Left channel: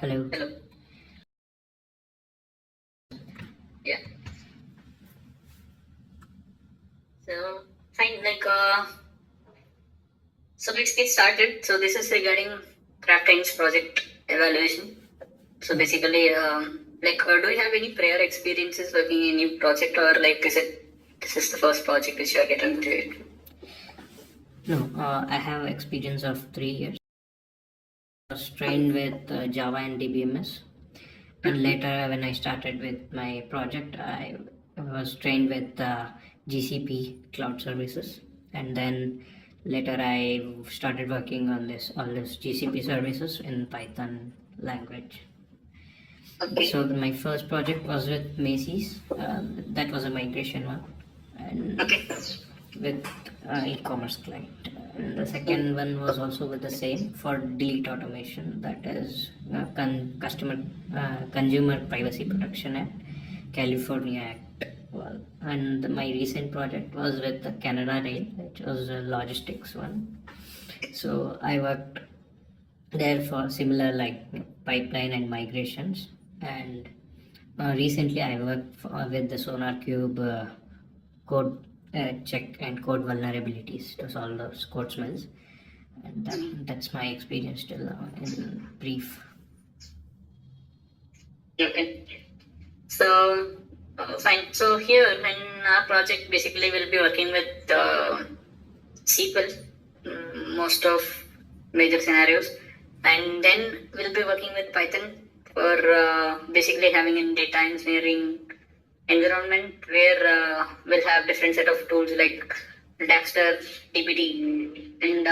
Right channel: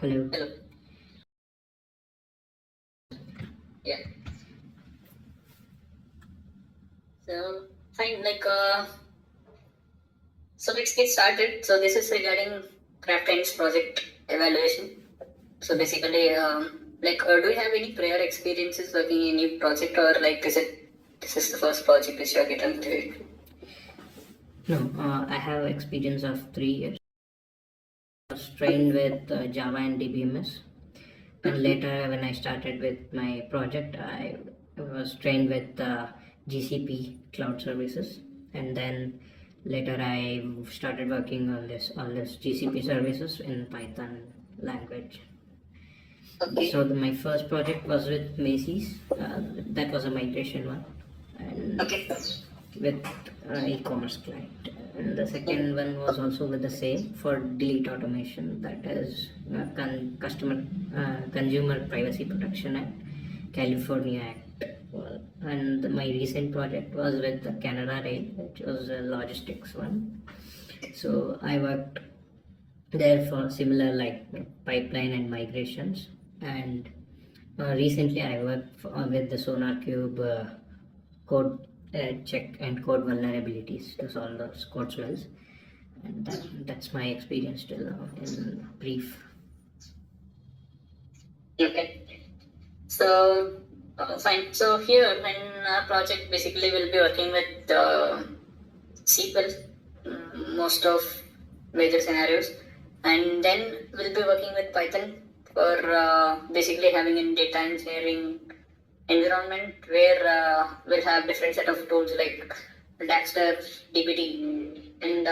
Hello. Hello. Yeah. So fine. So let's get started. So this is regarding craft Kind's project evaluation. So basically, do you have any prior experiences working in a new project, or like this is the first project which you are getting into it? No, I have experience of 3 years. I was trained with Java and DBMS, and later when I started with my project, I was trained with GCP cloud services, and then later I started working on all this GCP services in Python language. Okay. So my first project was with Macy's. That was a migration one, and Okay. with e-commerce client. And the second one was also with the same for delete automation. That is Consumer Privacy Protection Act, California Act. Well, and my recent project was with the Canada Rail, which was a logistics one. So I worked there for similar like pipeline and migrations, and recently I worked with the Sonar Cube code check and code vulnerabilities to solve those code smells, and that's my experience till now in brief. Okay. So fine. So here in our project, basically we'll be working with SQL, most of major scenarios, and then we'll be working with Python for basically having a data engineering environment where we'll have different set of tools like Daxter, DPT, and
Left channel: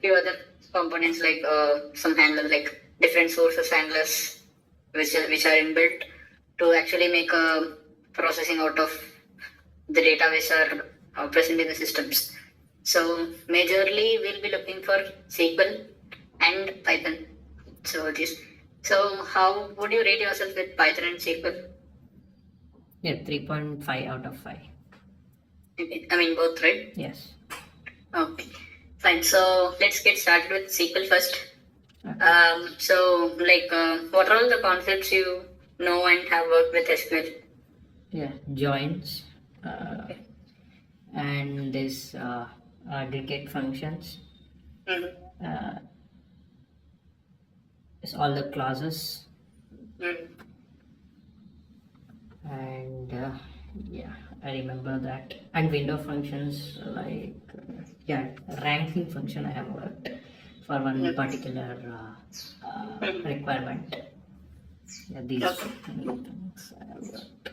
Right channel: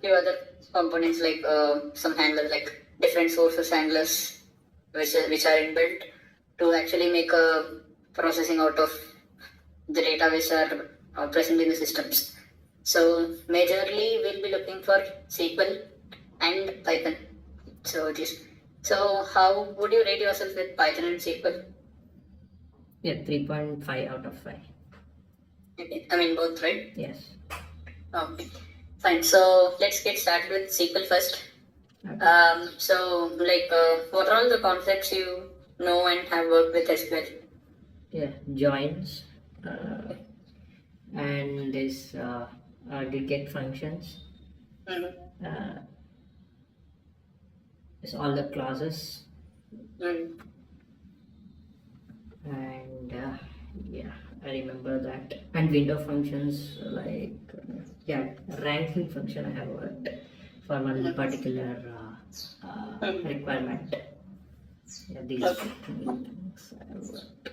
few other components like some handlers like different sources handlers which are inbuilt to actually make a processing out of the data which are present in the systems. So majorly we'll be looking for SQL and Python. So this. So how would you rate yourself with Python and SQL? Yeah, 3.5 out of 5. Okay. I mean both, right? Yes. Okay. Fine. So let's get started with SQL first. Okay. What are all the concepts you know and have worked with SQL? Yeah, joins and this aggregate functions. Mm-hmm. It's all the clauses, Mm. and yeah, I remember that. And window functions like yeah, ranking function I have worked for one particular requirement. Yeah, these Okay. things I have worked.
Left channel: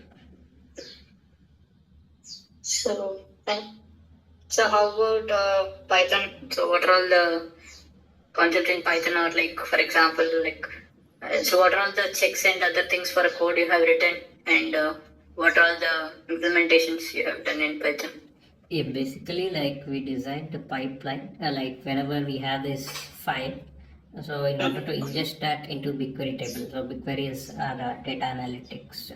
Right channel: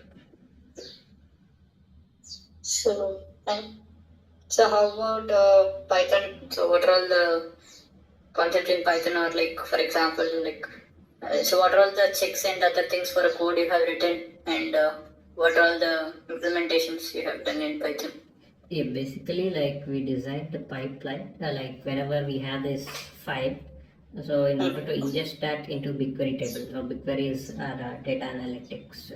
So, fine. So how about Python? So what are all the concepts in Python, or like for example, so what are all the checks and other things for a code you have written, and what are all the implementations you have done in Python? Yeah, basically like we designed the pipeline like whenever we have this file, so in order to ingest that into BigQuery table. So BigQuery is data analytics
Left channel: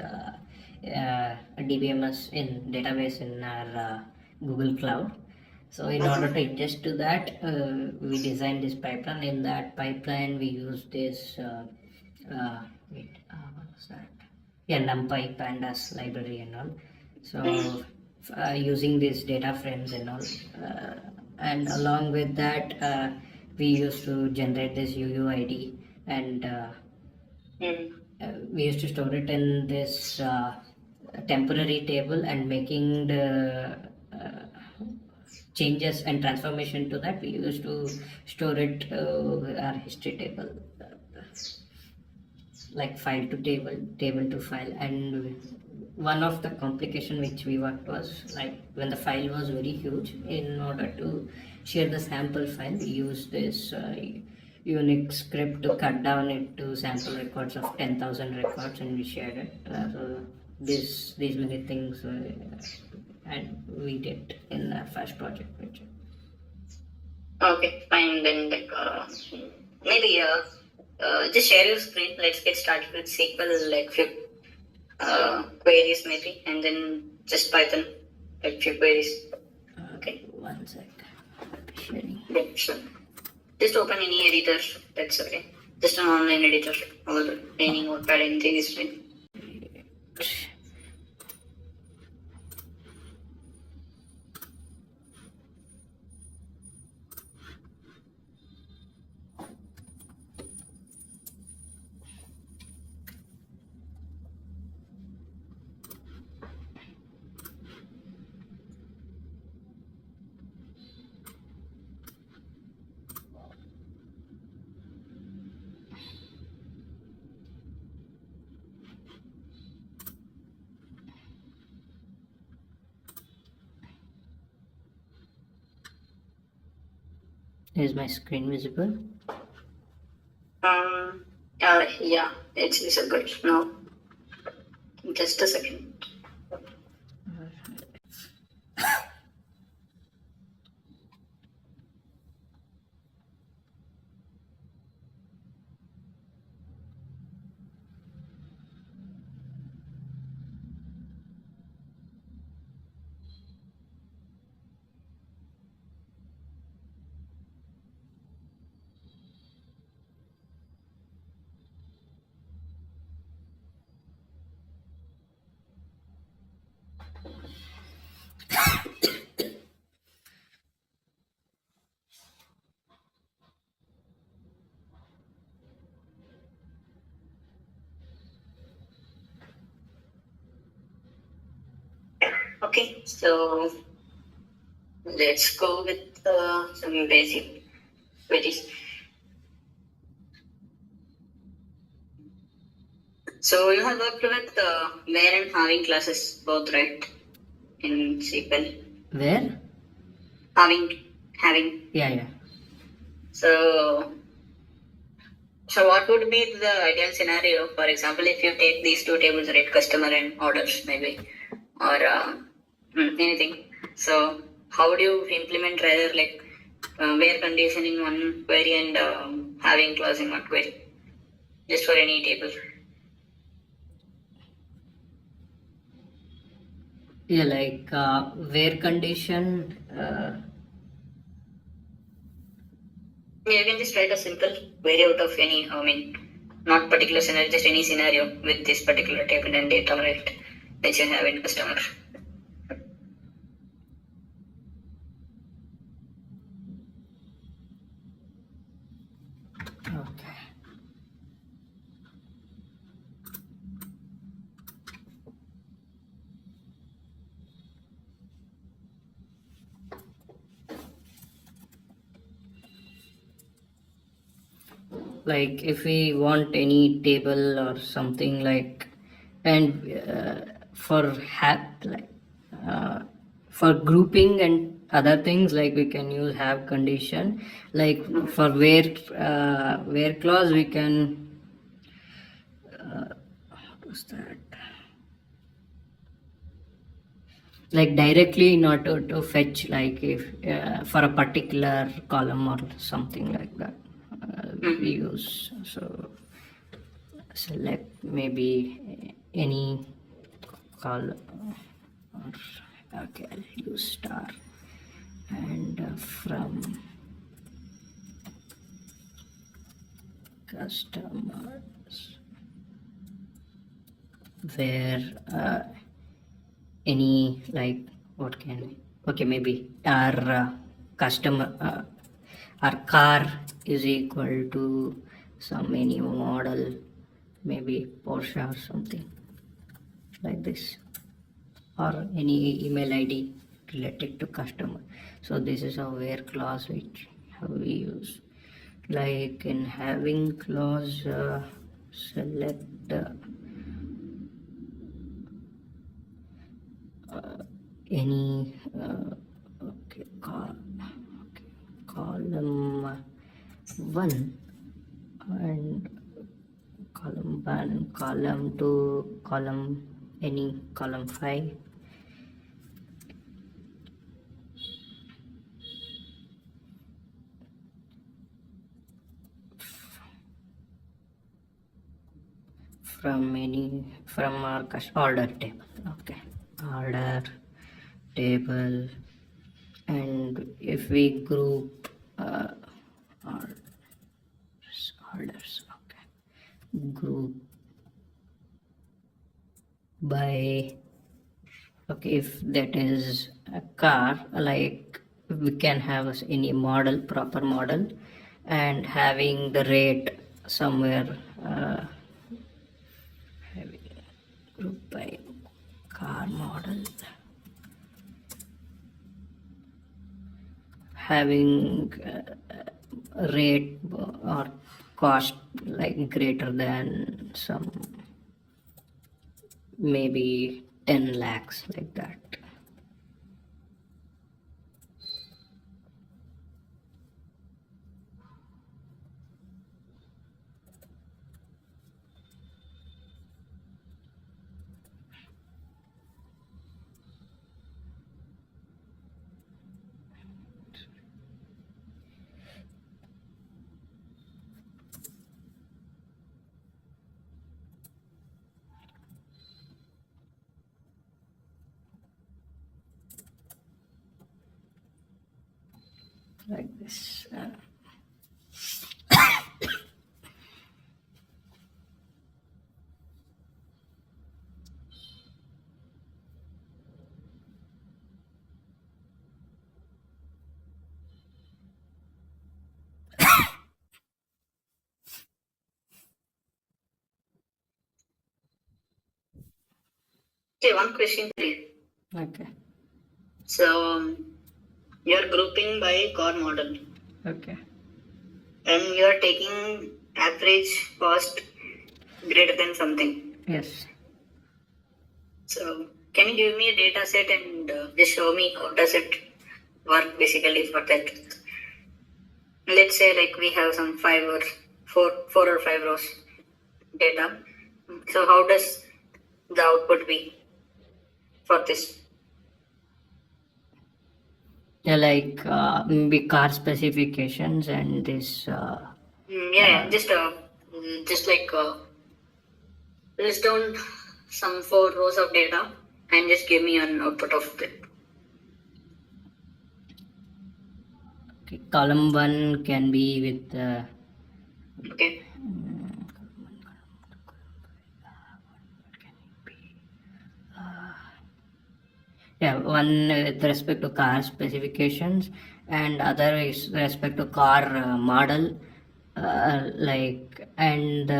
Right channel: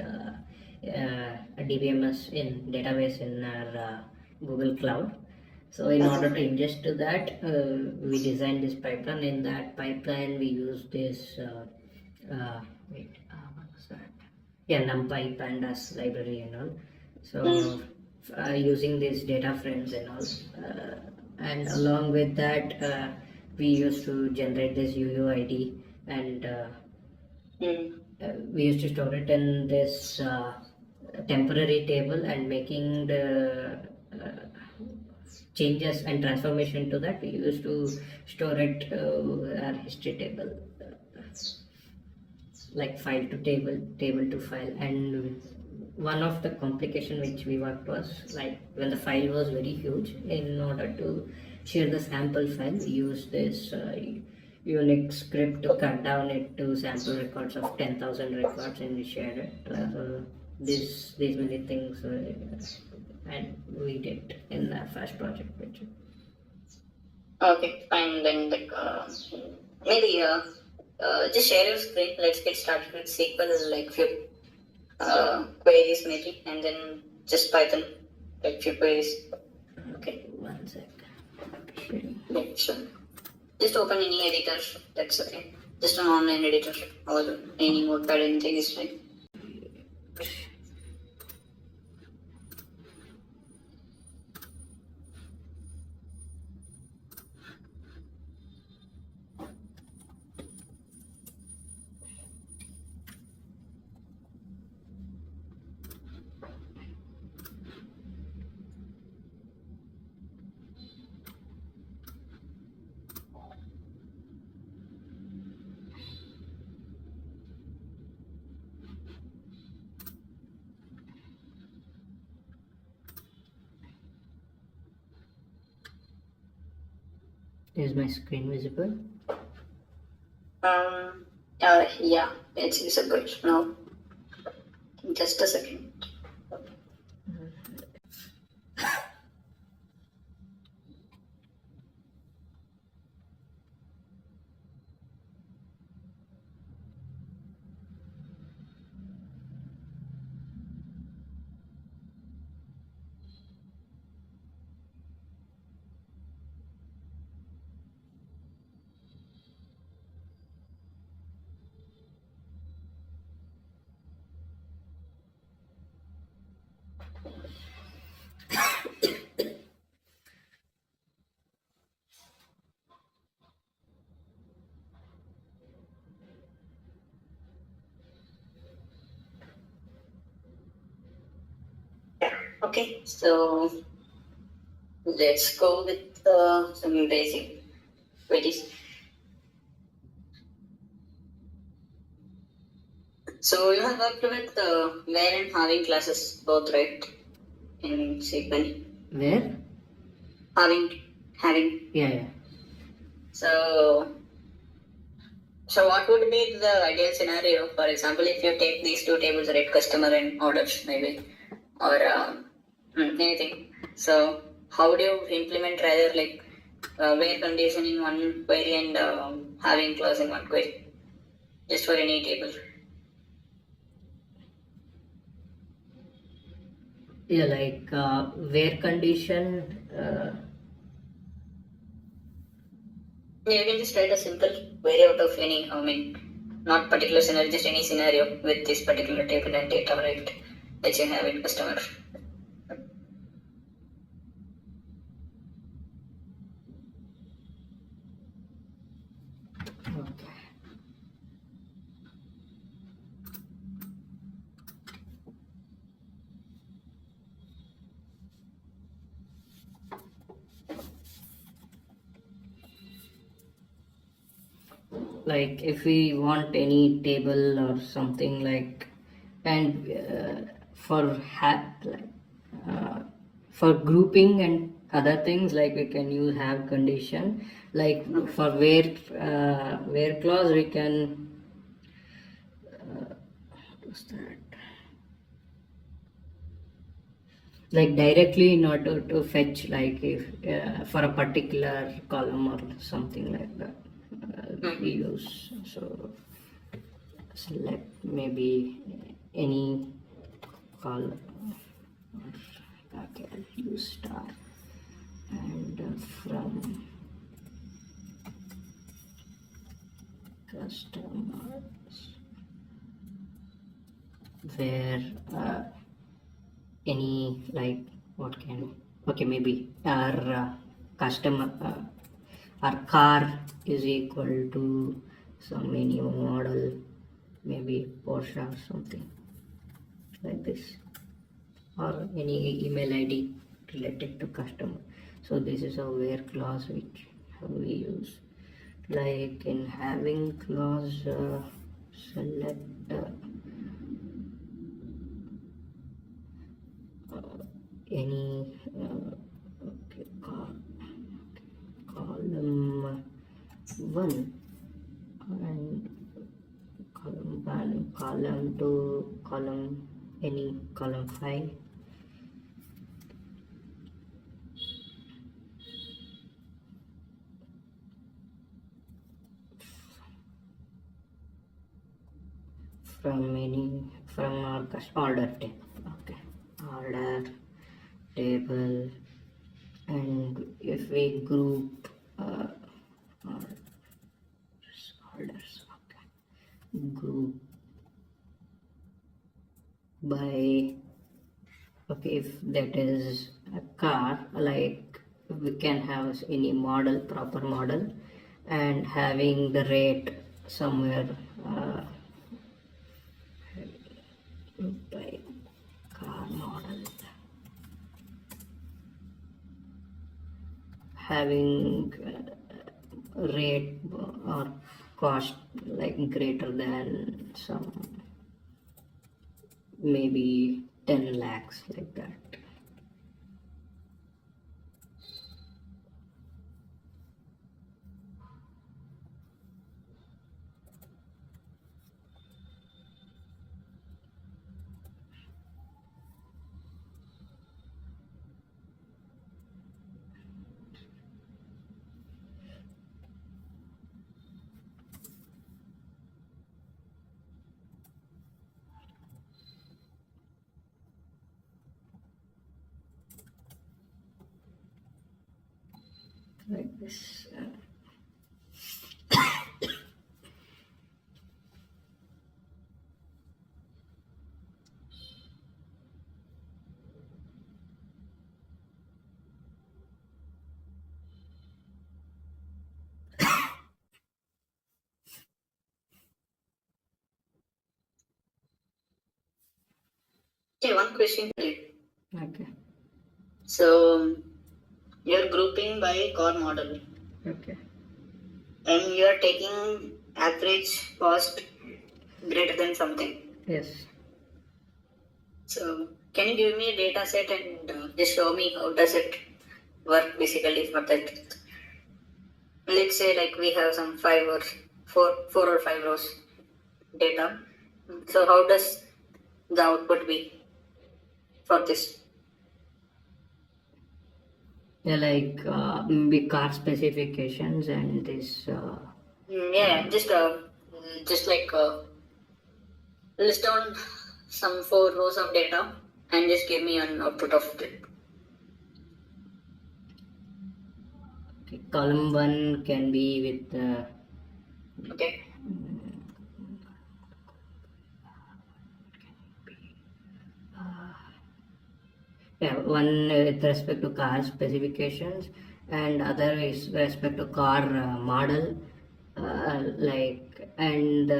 DBMS in database in our Google Cloud. So in order to ingest to that, we designed this pipeline. In that pipeline, we use this what was that? Yeah, NumPy, Pandas library and all. So using these data frames and all, and along with that, we used to generate this UUID, and we used to store it in this temporary table, and making the changes and transformation to that, we used to store it our history table, like file to table, table to file. And one of the complication which we worked was like when the file was very huge, in order to share the sample file, we used this Unix script to cut down it to sample records of 10,000 records, and we shared it. So these many things, and we did in the first project. Okay, fine. Then maybe just share your screen. Let's get started with SQL, like few queries maybe, and then just Python, like few queries. Okay. One sec. Sharing. Yeah, sure. Just open any editor. That's okay. Just an online editor or any notepad, anything is fine. Is my screen visible? Yeah, it's visible now. Just a second. Okay, so let's go with some basic queries. So you have worked with where and having classes both, right? In SQL. Where? Having. Yeah. So so what would be the ideal scenario? For example, if you take these two tables, right, customer and orders, maybe, or anything. So how would you implement rather like where condition in one query and having clause in one query, just for any table? Yeah, like where condition. Yeah, you can just write a simple query out of any, I mean, not particular scenario, just any scenario with this particular table and data, right, that you have in customer. Okay. Like if we want any table or something like, and like for grouping and other things, like we can use have condition. Like for where clause we can what was that, like directly not to fetch, like if for a particular column or something like that we use. So select maybe any column, or okay, I'll use star, and from customers where any, like what can, okay, maybe our customer our car is equal to some any model, maybe Porsche or something like this, or any email ID related to customer. So this is a where clause which we use. Like in having clause, select any okay, column 1 and column 1, column 2, column any column 5. From our order table. Okay, order table, and if we group orders, group by, okay, if that is a car, like we can have any model, proper model, and having the rate somewhere, having group by car model, having rate or cost like greater than some, maybe 10 lakhs, like that. Like this. Okay, one question for you. Okay. So you're grouping by car model Okay. and you're taking average cost greater than something. Yes. So can you give me a data set and just show me how does it work basically for that? Let's say like we have some four or five rows data. So how does the output be for this? Yeah, like maybe car specifications and this. Yeah, just like list down some four rows of data and just give me an output of it. Okay, column 1 can be with. Okay. Yeah, one with respect to car specifications, and other is respect to car model, like, and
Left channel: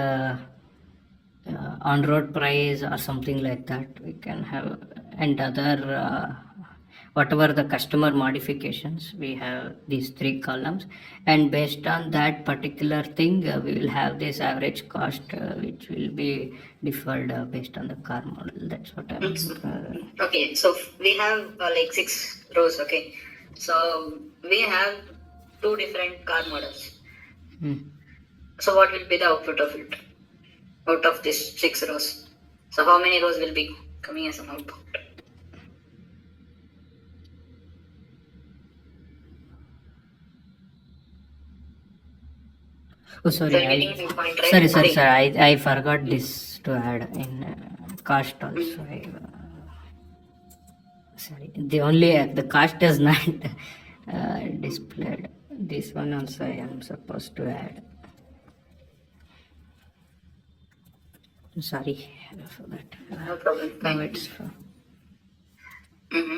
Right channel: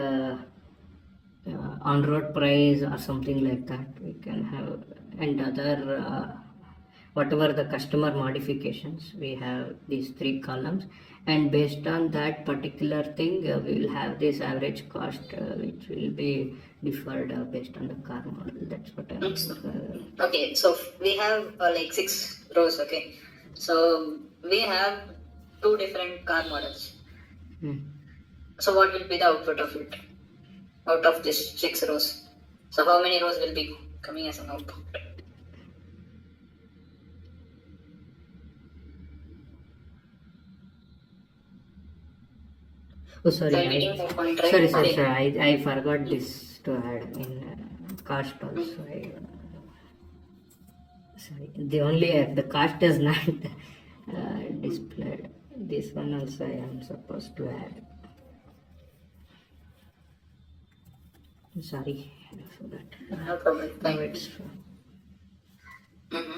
on road price or something like that we can have, and other whatever the customer modifications, we have these three columns, and based on that particular thing we will have this average cost which will be deferred based on the car model. That's what I'm Okay, so we have like six rows. Okay, so we have two different car models. hmm. So what will be the output of it out of these six rows? So how many rows will be coming as an output? Oh, So sorry, you're getting my point, right? sorry, I forgot this to add in cost also. Sorry, the only the cost is not displayed. This one also I am supposed to add. Sorry for that. No problem. Now Fine. it's Mm-hmm.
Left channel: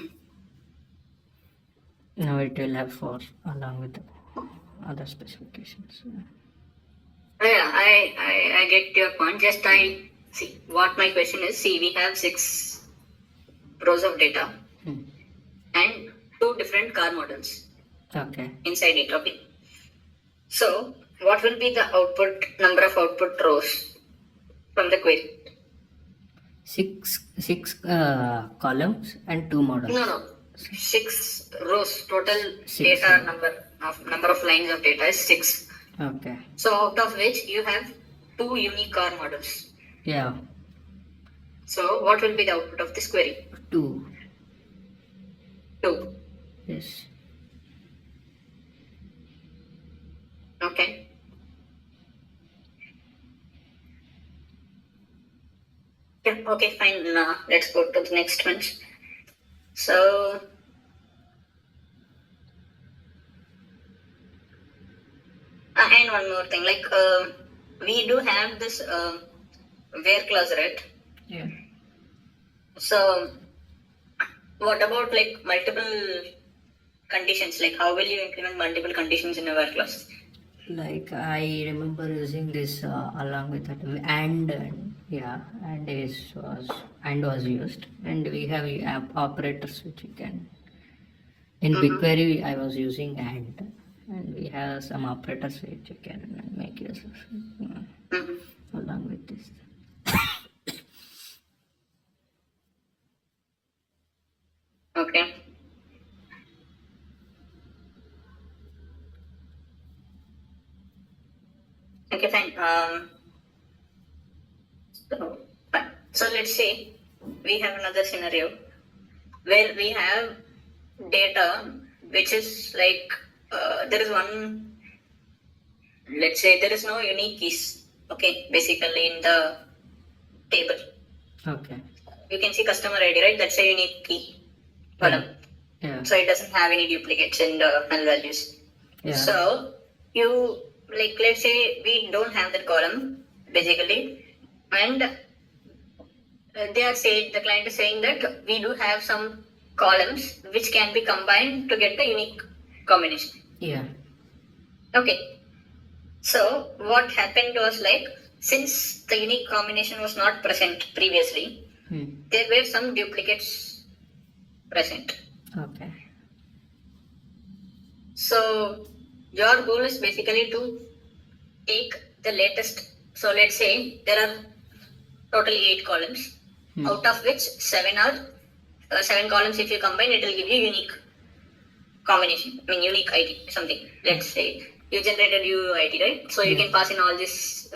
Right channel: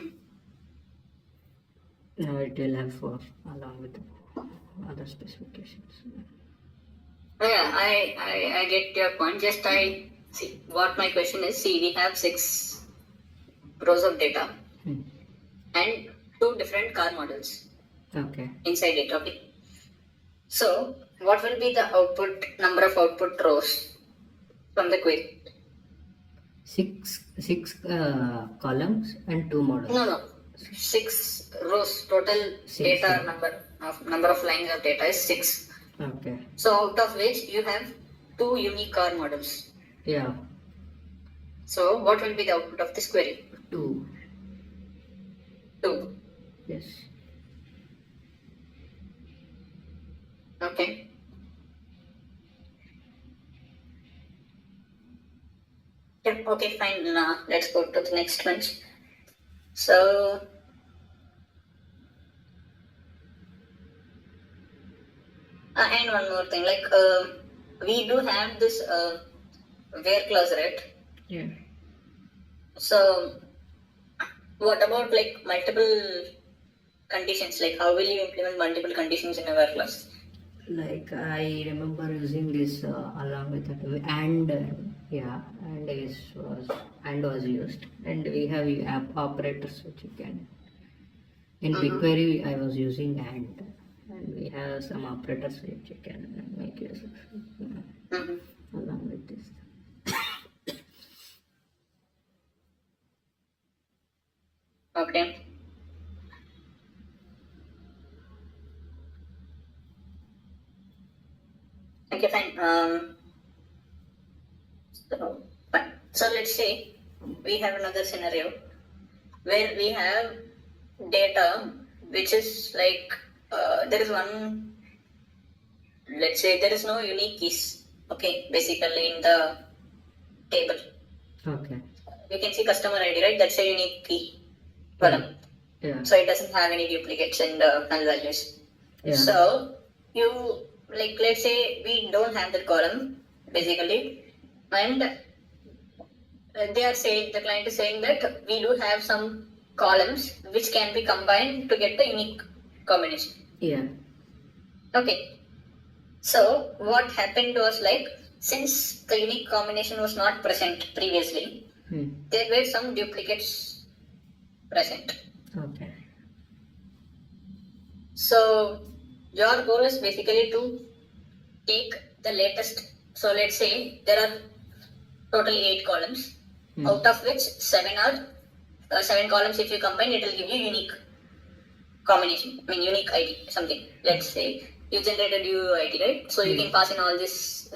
now it will have 4 along with other specifications. Yeah, I get your point. Just I see what my question is. See, we have six rows of data and two different car models Okay. inside it. Okay. So what will be the output number of output rows from the query? Six columns and 2 models. No. Six rows total Six, data number of lines of data is six. Okay. So out of which you have two unique car models. Yeah. So what will be the output of this query? 2. Two. Yes. Okay. Yeah, okay, fine. Now let's go to the next one. So and one more thing, like we do have this where clause, right? Yeah. So what about like multiple conditions? Like how will you implement multiple conditions in a where clause? Like I remember using this along with that yeah, and was used, and we have app operators which you can in BigQuery. I was using and we have some operators which you can make use of along with this. Okay. Okay, fine. Fine. So let's say we have another scenario where we have data which is like there is one, let's say there is no unique keys, okay, basically in the table. Okay. You can see customer ID, right? That's a unique key Yeah. column. Yeah. So it doesn't have any duplicates in the null values. Yeah. So you, like, let's say we don't have that column basically, and they are saying, the client is saying that we do have some columns which can be combined to get the unique combination. Yeah. Okay. So what happened was, like, since the unique combination was not present previously, there were some duplicates present. Okay. So your goal is basically to take the latest. So let's say there are totally 8 columns, out of which 7 are 7 columns. If you combine, it will give you unique combination. I mean unique ID something. Let's say you generated UID, right? So you can pass in all these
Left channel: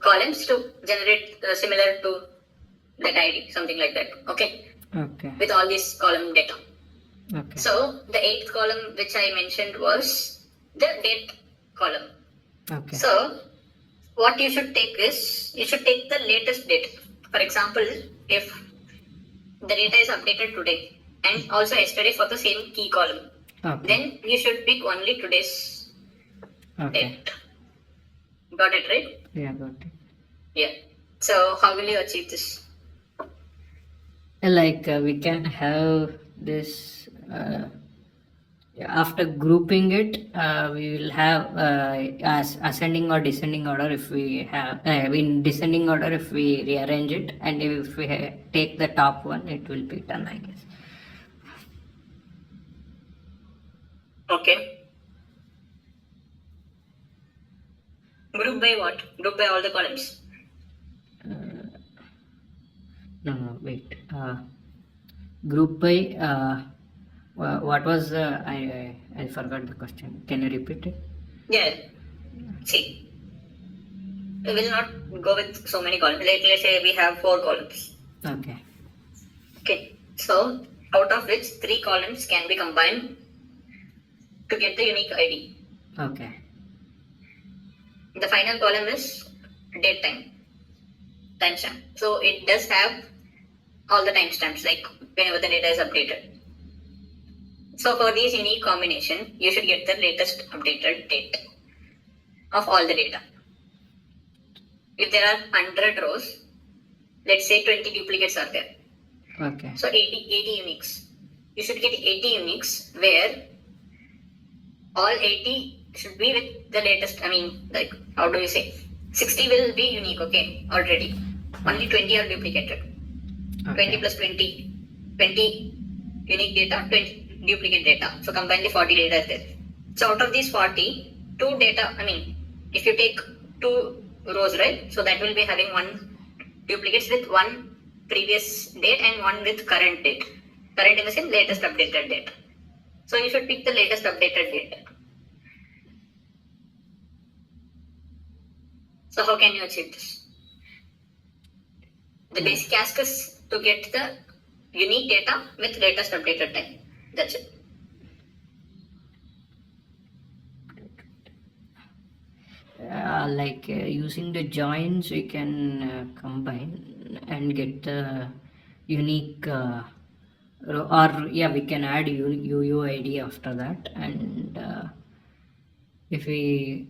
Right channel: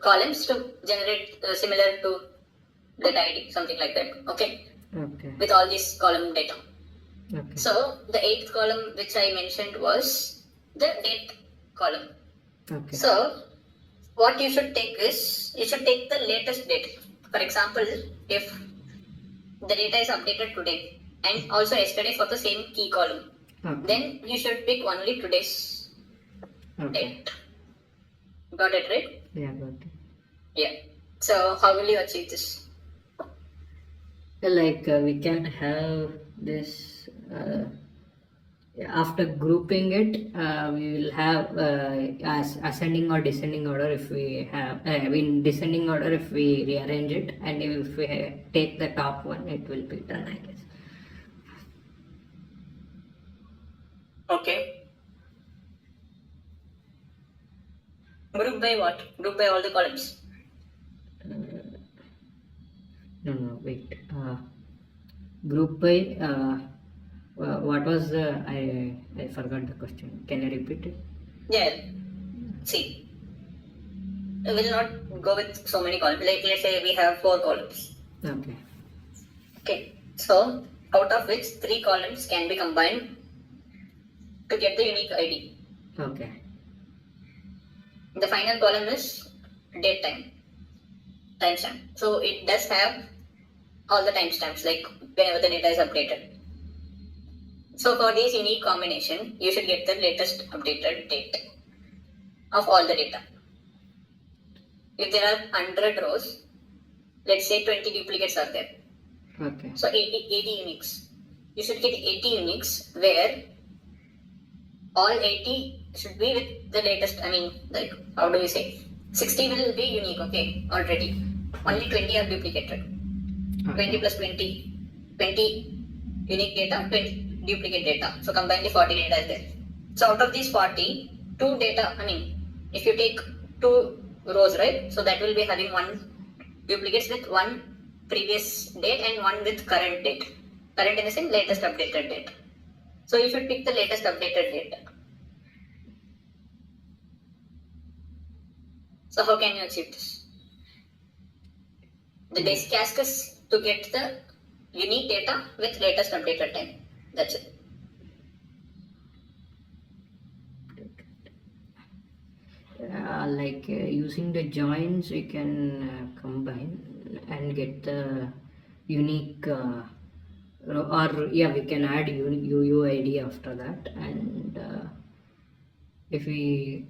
columns to generate similar to that ID, something like that. Okay. Okay. With all this column data. Okay. So the 8th column which I mentioned was the date column. Okay. So what you should take is, you should take the latest date. For example, if the data is updated today and also yesterday for the same key column, then you should pick only today's date. Got it, right? Yeah, got it. Yeah. So how will you achieve this? Like we can have this after grouping it, we will have as ascending or descending order if we have in descending order if we rearrange it, and if we take the top one, it will be done, I guess. Okay. Group by what? Group by all the columns. No, wait. Group by what was I forgot the question. Can you repeat it? Yeah. See, we will not go with so many columns. Like, let's say we have 4 columns. Okay. Okay. So out of which 3 columns can be combined to get the unique ID. Okay. The final column is date timestamp. So it does have all the timestamps, like whenever the data is updated. So for these unique combination, you should get the latest updated date of all the data. If there are 100 rows, let's say 20 duplicates are there. Okay. So 80 uniques. You should get 80 uniques where all 80 should be with the latest. I mean, like, how do you say? 60 will be unique, okay, already. Only 20 are duplicated. Okay. 20 plus 20. 20 unique data, 20 duplicate data. So combined 40 data is there. So out of these 40, 2 data, I mean, if you take 2 rows, right? So that will be having 1 duplicates with 1 previous date and 1 with current date. Current in the sense latest updated date. So you should pick the latest updated date. So how can you achieve this? The basic ask is to get the unique data with latest updated time. That's it. Like using the joins, we can combine and get the unique or yeah, we can add UUID after that, and if we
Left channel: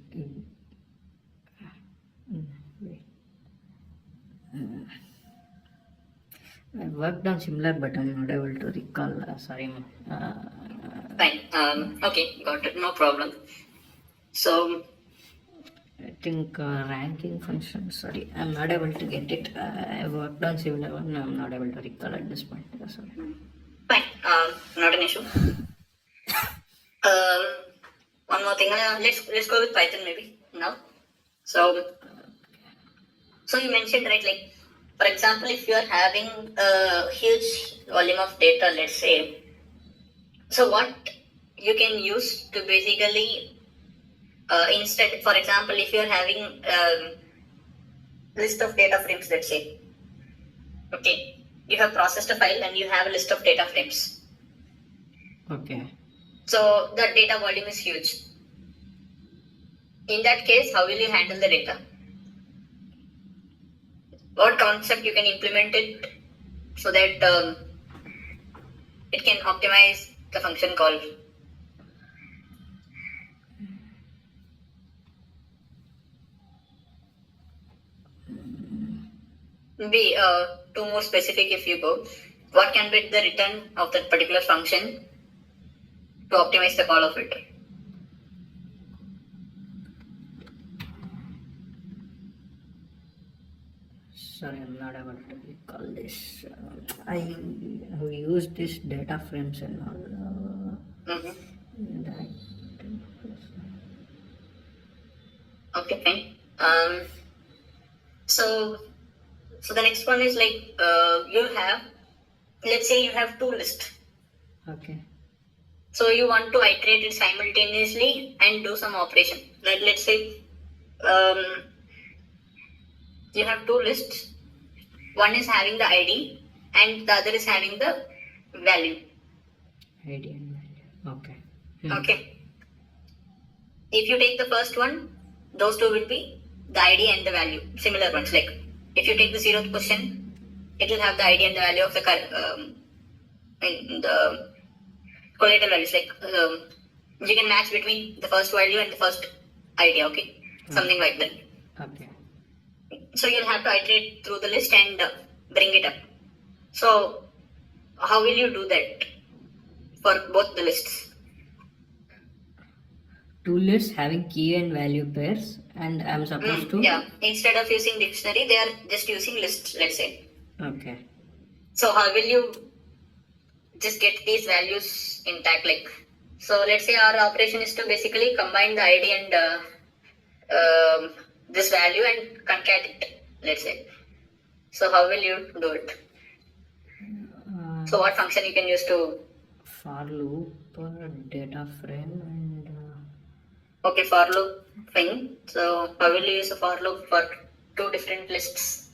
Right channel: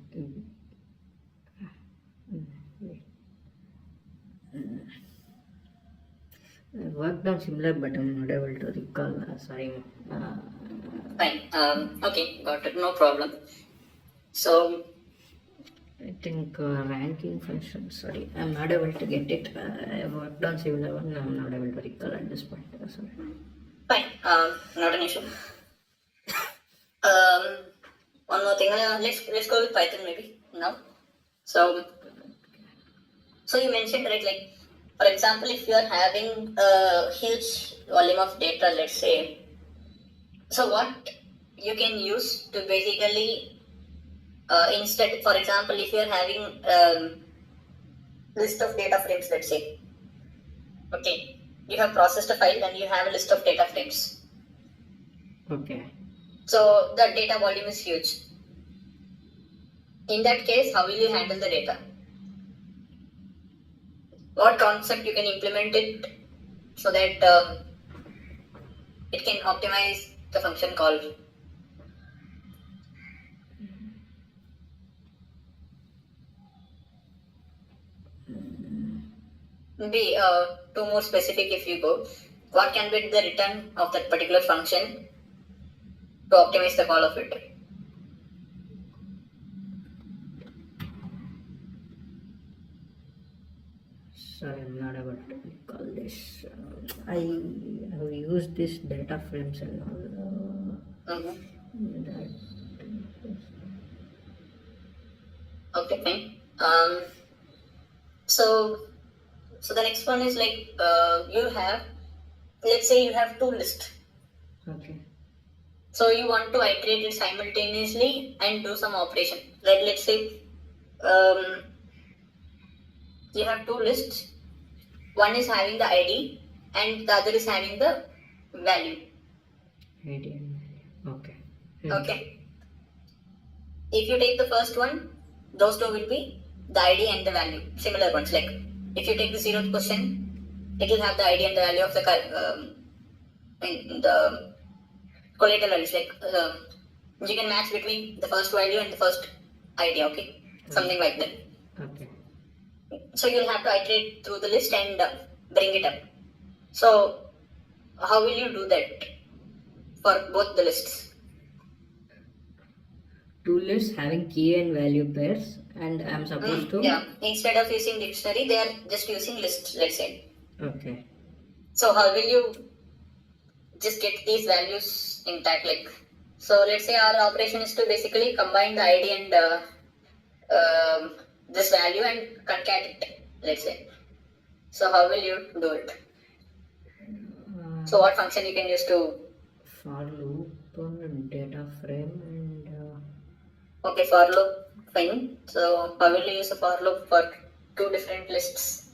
I worked on similar, but I'm not able to recall. Sorry. Fine. Okay, got it. No problem. So, I think ranking function. Sorry, I'm not able to get it. I worked on similar one. I'm not able to recall at this point. Sorry. fine. Not an issue. One more thing. Let's go with Python maybe now. So, you mentioned, right, like, for example, if you are having a huge volume of data, let's say, so what you can use to basically instead, for example, if you are having list of data frames, let's say, okay, you have processed a file and you have a list of data frames. Okay. So the data volume is huge. In that case, how will you handle the data? What concept you can implement it so that it can optimize the function call? Maybe two more specific if you go. What can be the return of that particular function to optimize the call of it? Sorry, I'm not able to recall this. I have used this data frames and all. That. Okay, fine. So the next one is like you have, let's say you have two lists. Okay. So you want to iterate it simultaneously and do some operation. Let's say you have two lists. One is having the ID and the other is having the value. ID and value. Okay. Okay. If you take the first one, those two will be the ID and the value, similar ones. Like if you take the 0th question, it will have the ID and the value of the collateral values. Like you can match between the first value and the first ID. Okay, something like that. Okay. So you'll have to iterate through the list and bring it up. So how will you do that for both the lists? Two lists having key and value pairs, and I'm supposed to. Yeah, instead of using dictionary, they are just using lists, let's say. Okay. So how will you just get these values intact? Like, so let's say our operation is to basically combine the ID and this value and concat it, let's say. So how will you do it? So what function you can use to? For loop, data frame, and. Okay, for loop, fine. So how will you use a for loop for two different lists?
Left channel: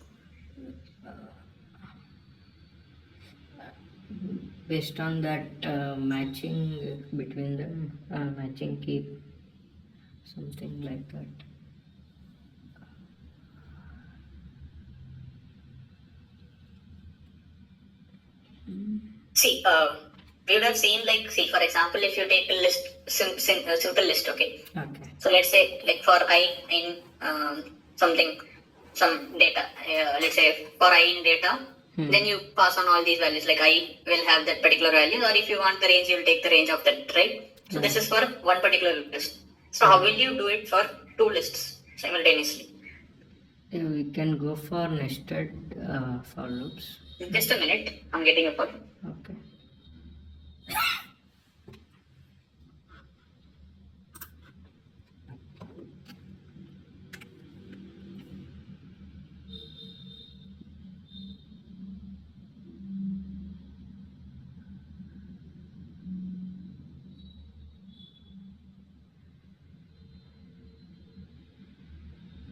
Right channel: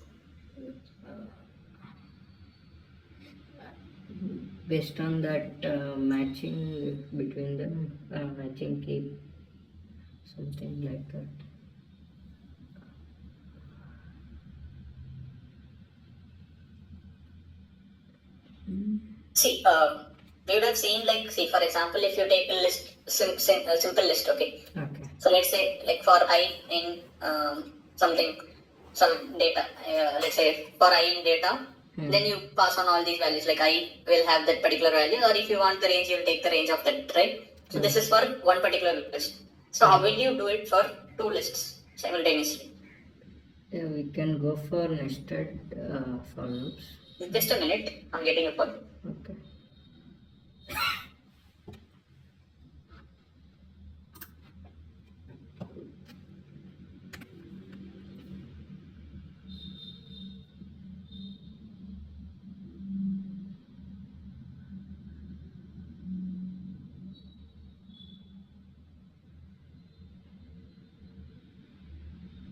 Based on that matching between them, matching key, something like that. See, we would have seen, like, see, for example, if you take a list, simple list, okay. Okay. So let's say, like, for I in some data, let's say for I in data, then you pass on all these values. Like I will have that particular value, or if you want the range, you will take the range of that, right? So this is for one particular list. So how will you do it for two lists simultaneously? We can go for nested for loops. Just a minute, I'm getting a call. Okay.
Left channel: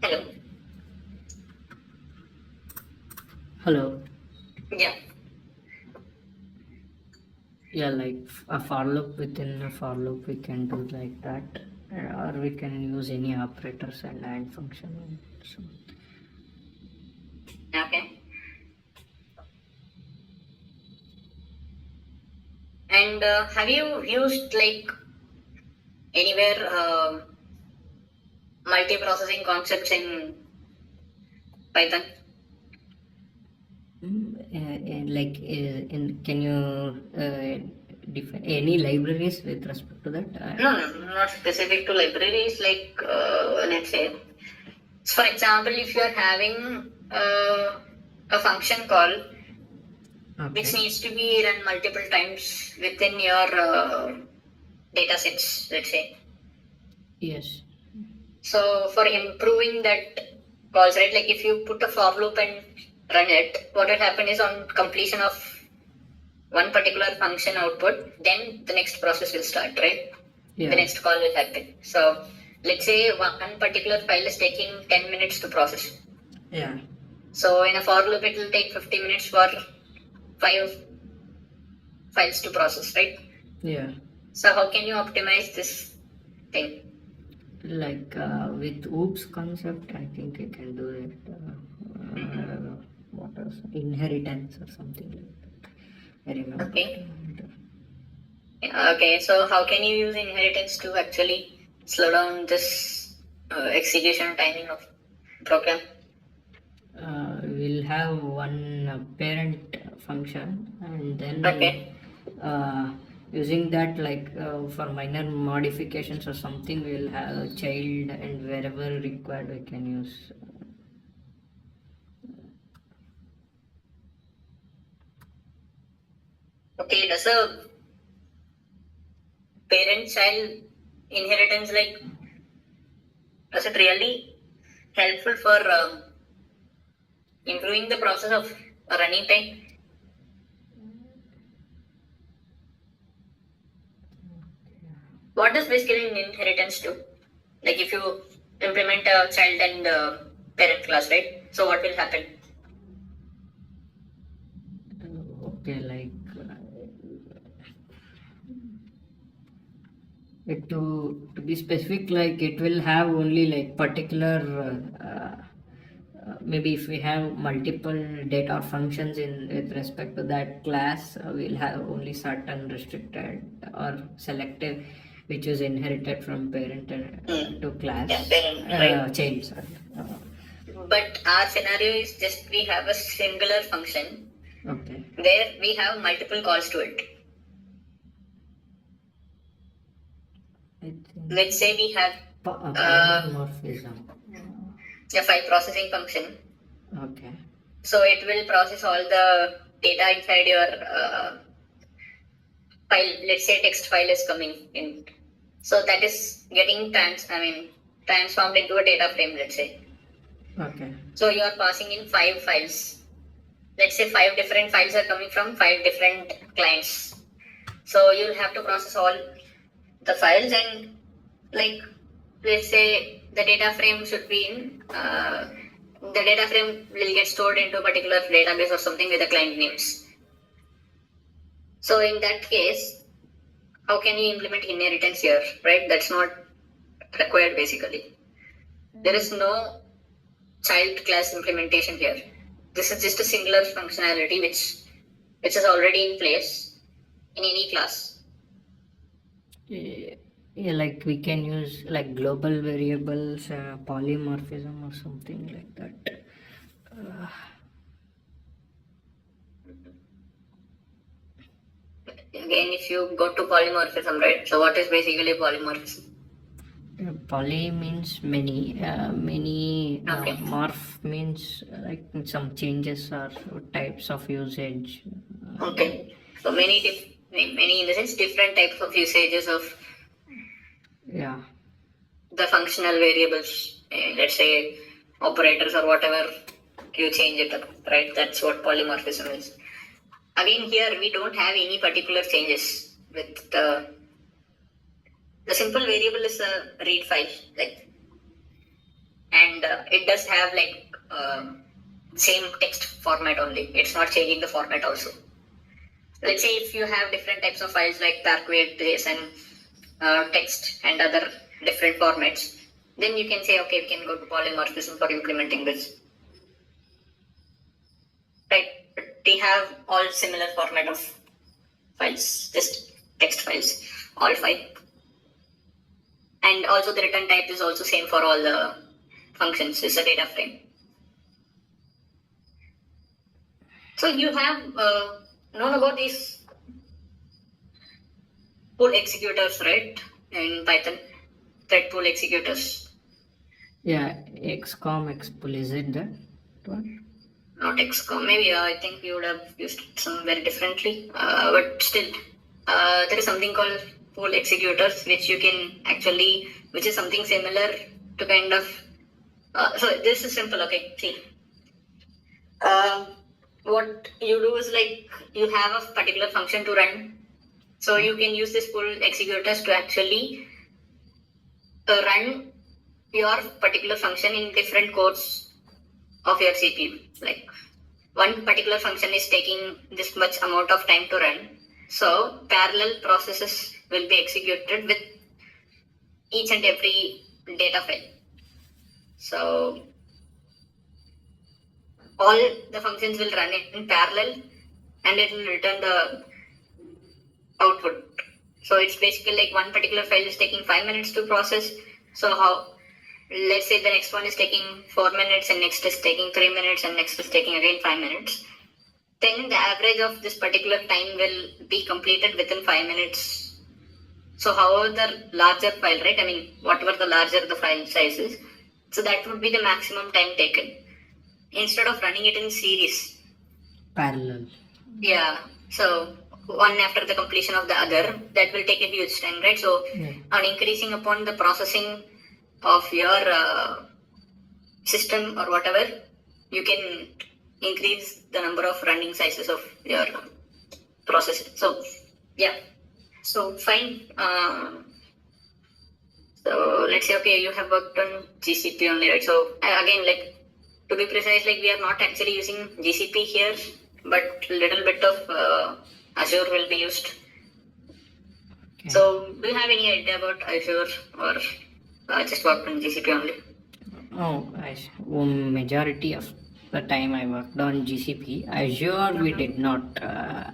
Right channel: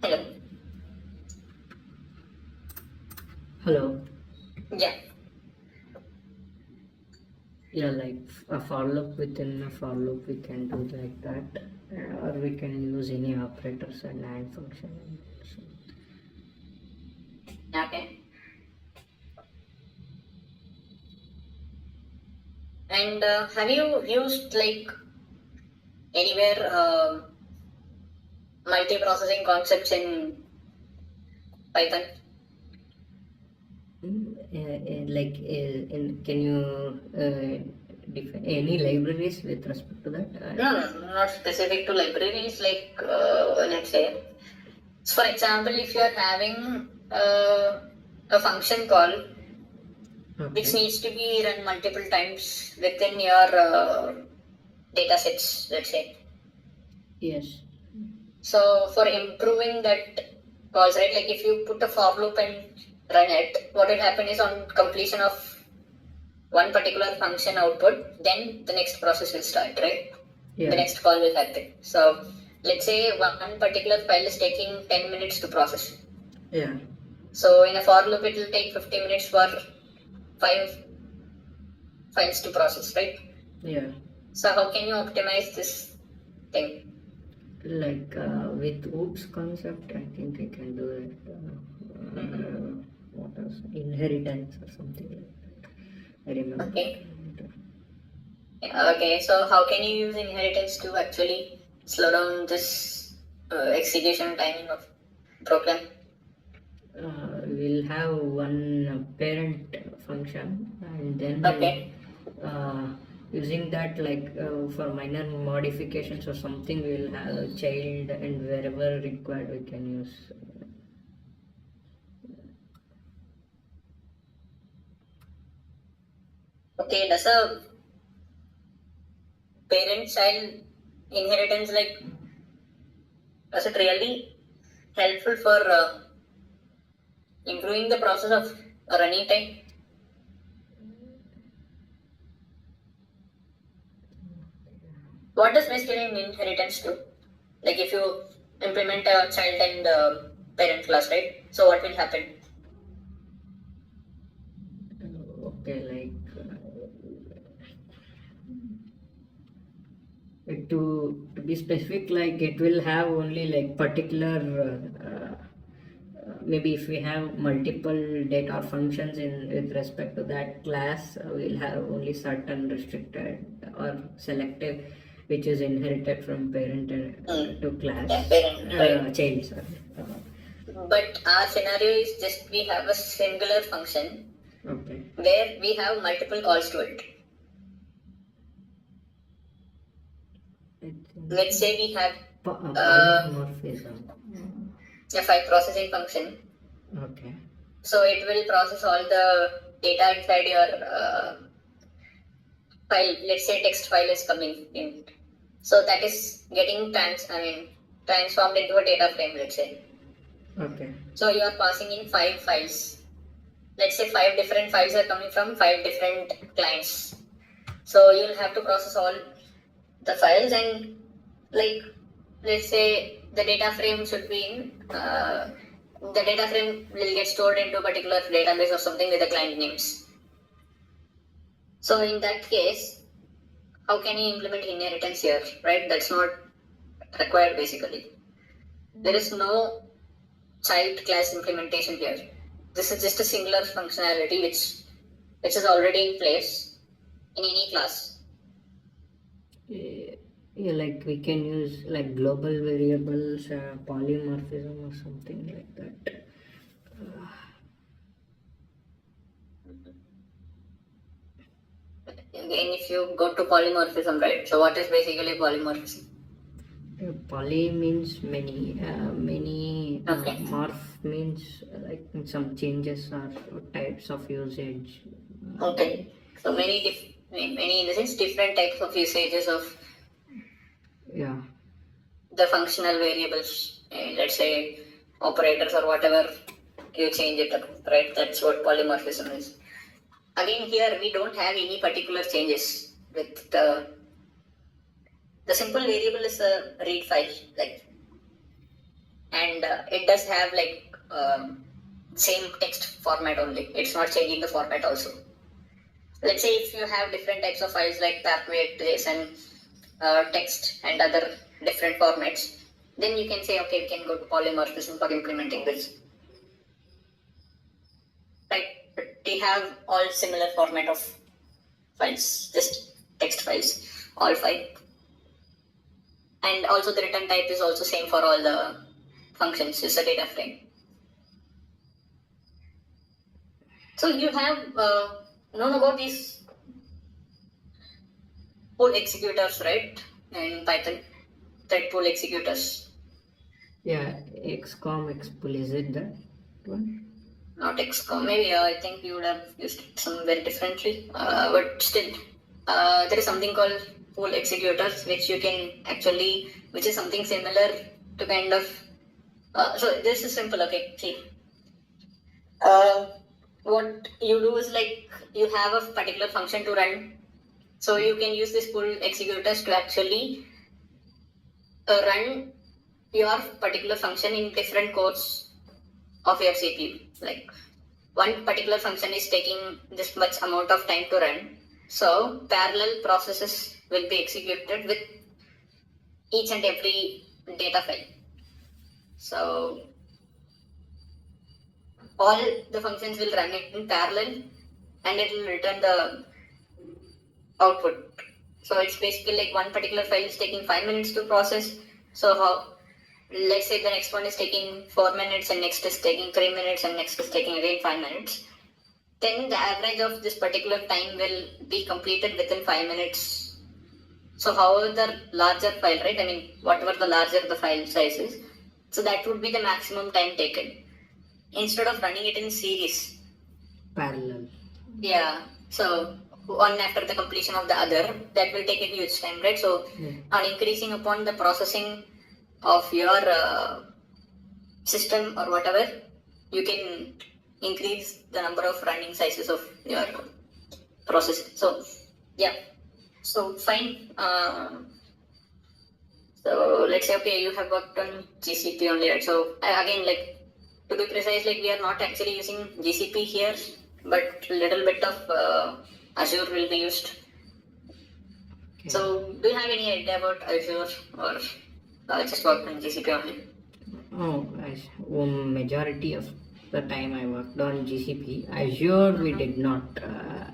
Hello. Hello. Yeah. Yeah, like a for loop within a for loop, we can do like that, or we can use any operators and AND function. Okay. And have you used like anywhere multi-processing concepts in Python? like can you define any libraries with respect to that? No, not specific to libraries. Like let's say, for example, if you are having a function call which Okay. needs to be run multiple times within your data sets, let's say. Yes. So for improving that calls, right? Like if you put a for loop and run it, what will happen is on completion of one particular function output, then the next process will start, right? Yeah. The next call will happen. So let's say one particular file is taking 10 minutes to process. Yeah. So in a for loop, it will take 50 minutes for 5 files to process, right? Yeah. So how can you optimize this thing? Like with oops concept, I think I can do it. What was inheritance or something like that. I remember. Okay. Okay, so how can you use inheritance to actually slow down this execution timing of program? We'll have one parent function, and then Okay. using that, like for minor modifications or something, we'll have a child, and wherever required we can use. Okay, does a parent-child inheritance, like, does it really helpful for improving the process of running time? What does basically inheritance do? Like if you implement a child and parent class, right? So what will happen? Okay, like to be specific, like it will have only like particular maybe if we have multiple data functions in with respect to that class, we'll have only certain restricted or selective which is inherited from parent to class. Yeah, parent, right? Child, sorry. But our scenario is just we have a singular function Okay. where we have multiple calls to it. Let's say we have Polymorphism. a file processing function. Okay. So it will process all the data inside your file. Let's say text file is coming in. So that is getting transformed into a data frame, let's say. Okay. So you are passing in 5 files. Let's say 5 different files are coming from 5 different clients. So you'll have to process all the files, and like let's say the data frame should be in the data frame will get stored into a particular database or something with the client names. So in that case, how can you implement inheritance here, right? That's not required basically. There is no child class implementation here. This is just a singular functionality which is already in place in any class. Yeah, like we can use like global variables, polymorphism or something like that. Again, if you go to polymorphism, right? So what is basically polymorphism? Poly means many, many. Okay. Morph means like some changes or types of usage. Okay. So many in the sense different types of usages of Yeah. the functional variables. Let's say operators or whatever you change it up, right? That's what polymorphism is. Again, here we don't have any particular changes with the simple variable is a read file, like, and it does have like same text format only. It's not changing the format also. Let's say if you have different types of files like JSON, text and other different formats, then you can say, okay, we can go to polymorphism for implementing this. Right? We have all similar format of files, just text files, all 5. And also the return type is also same for all the functions, it's a data frame. So you have known about these pool executors, right? In Python, thread pool executors. Yeah, XCOM, XPool, is it that one? Not XCOM. Maybe I think you would have used it somewhere differently. But still, there is something called pool executors, which you can actually, which is something similar to kind of. So this is simple. Okay, see. What you do is like you have a particular function to run. So you can use this pool executors to actually run your particular function in different cores of your CPU. Like one particular function is taking this much amount of time to run. So parallel processes will be executed with each and every data file. So all the functions will run in parallel and it will return the output. So it's basically like one particular file is taking 5 minutes to process. So how, let's say the next one is taking 4 minutes and next is taking 3 minutes and next is taking again 5 minutes. Then the average of this particular time will be completed within 5 minutes. So however the larger file, right? I mean, whatever the larger the file size is, so that would be the maximum time taken. Instead of running it in series. Parallel. Yeah. So one after the completion of the other, that will take a huge time, right? So on increasing upon the processing of your system or whatever, you can increase the number of running sizes of your process. So yeah. So fine. So let's say okay, you have worked on GCP only, right? So again, like to be precise, like we are not actually using GCP here, but little bit of Azure will be used. Okay. So do you have any idea about Azure or just worked on GCP only? Oh, majority of the time I worked on GCP. Azure we did not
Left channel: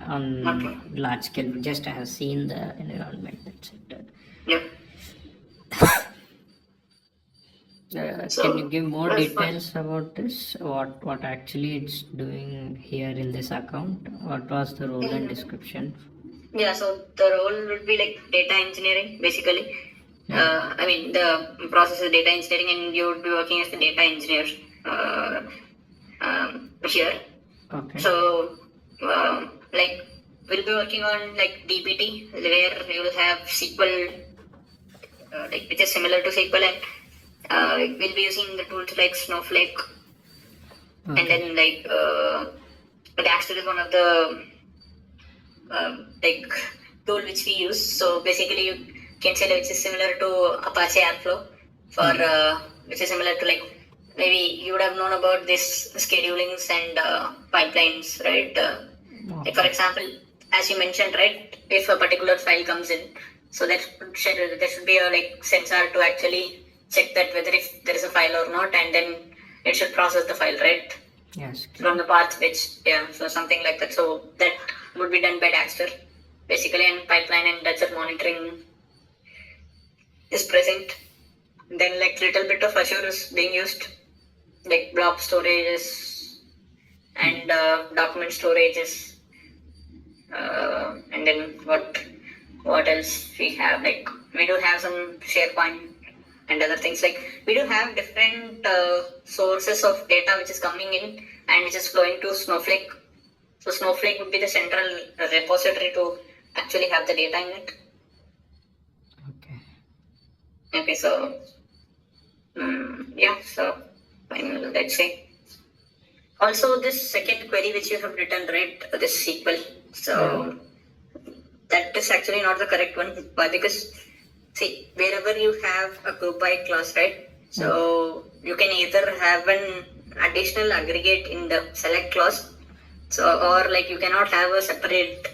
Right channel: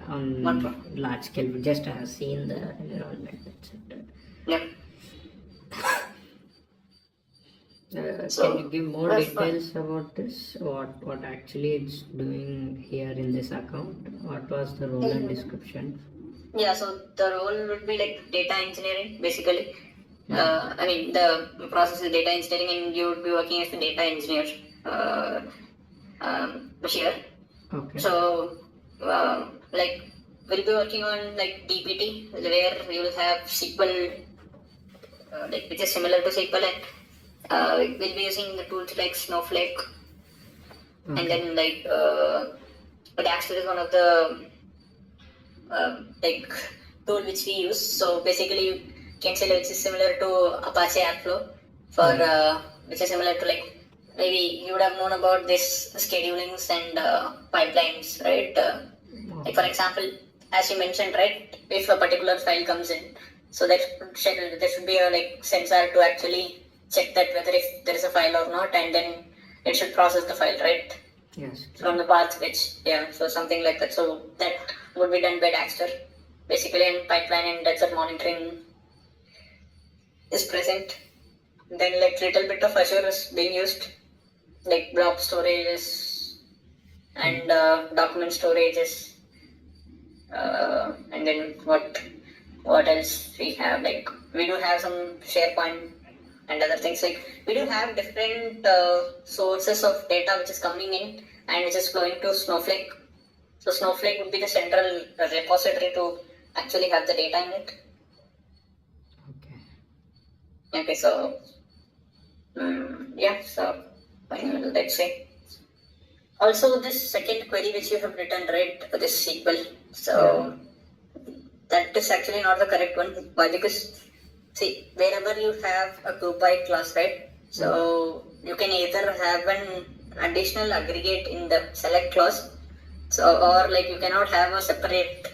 on large scale. We just have seen the environment. That's it. Yeah. Can you give more details about this? What actually it's doing here in this account? What was the role and description? Yeah, so the role would be like data engineering, basically. I mean, the process is data engineering, and you would be working as a data engineer here. Okay. So, like, we'll be working on like DBT, where you will have SQL, like which is similar to SQL, and we'll be using the tools like Snowflake, and then like Daxter is one of the like tool which we use. So basically, you can say like, which is similar to Apache Airflow for which is similar to like maybe you would have known about this schedulings and pipelines, right? Like for example, as you mentioned, right? If a particular file comes in, so there should be a like sensor to actually check that whether if there is a file or not, and then it should process the file, right? Yes. From the path which, yeah, so something like that. So that would be done by Daxter, basically, and pipeline and Daxter monitoring is present. Then like little bit of Azure is being used, like blob storages and document storages. And then what else we have? Like we do have some SharePoint and other things. Like we do have different sources of data which is coming in and which is flowing to Snowflake. So Snowflake would be the central repository to actually have the data in it. Okay. Okay, so yeah, so let's say. Also, this second query which you have written, right, this SQL. So that is actually not the correct one. Why? Because see, wherever you have a group by class, right? So you can either have an additional aggregate in the select clause, so or like you cannot have a separate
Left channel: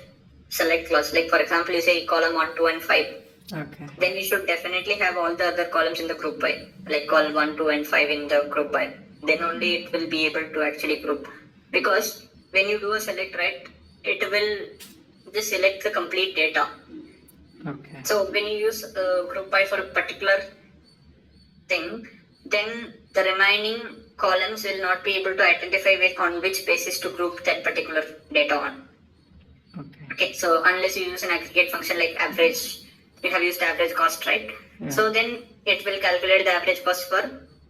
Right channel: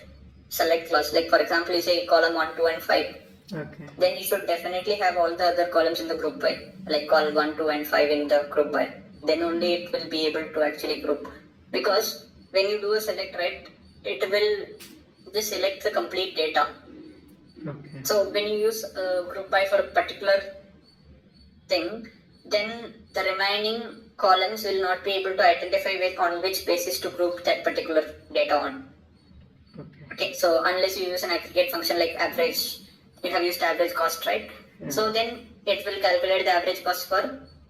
select clause. Like for example, you say column 1, 2, and 5. Okay. Then you should definitely have all the other columns in the group by, like column 1, 2, and 5 in the group by. Then only it will be able to actually group. Because when you do a select, right, it will just select the complete data. Okay. So when you use a group by for a particular thing, then the remaining columns will not be able to identify with on which basis to group that particular data on. Okay. Okay, so unless you use an aggregate function like average, we have used average cost, right? Yeah. So then it will calculate the average cost for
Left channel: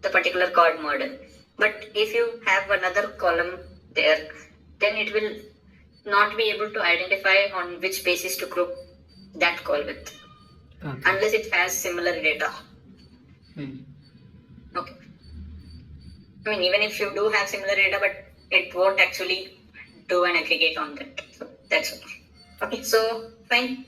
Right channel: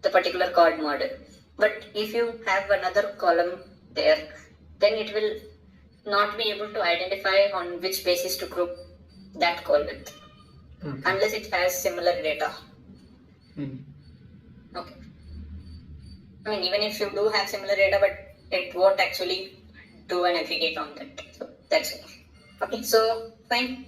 the particular card model. But if you have another column there, then it will not be able to identify on which basis to group that call with, Okay. unless it has similar data. Okay. I mean, even if you do have similar data, but it won't actually do an aggregate on that. So that's okay. Okay, so fine.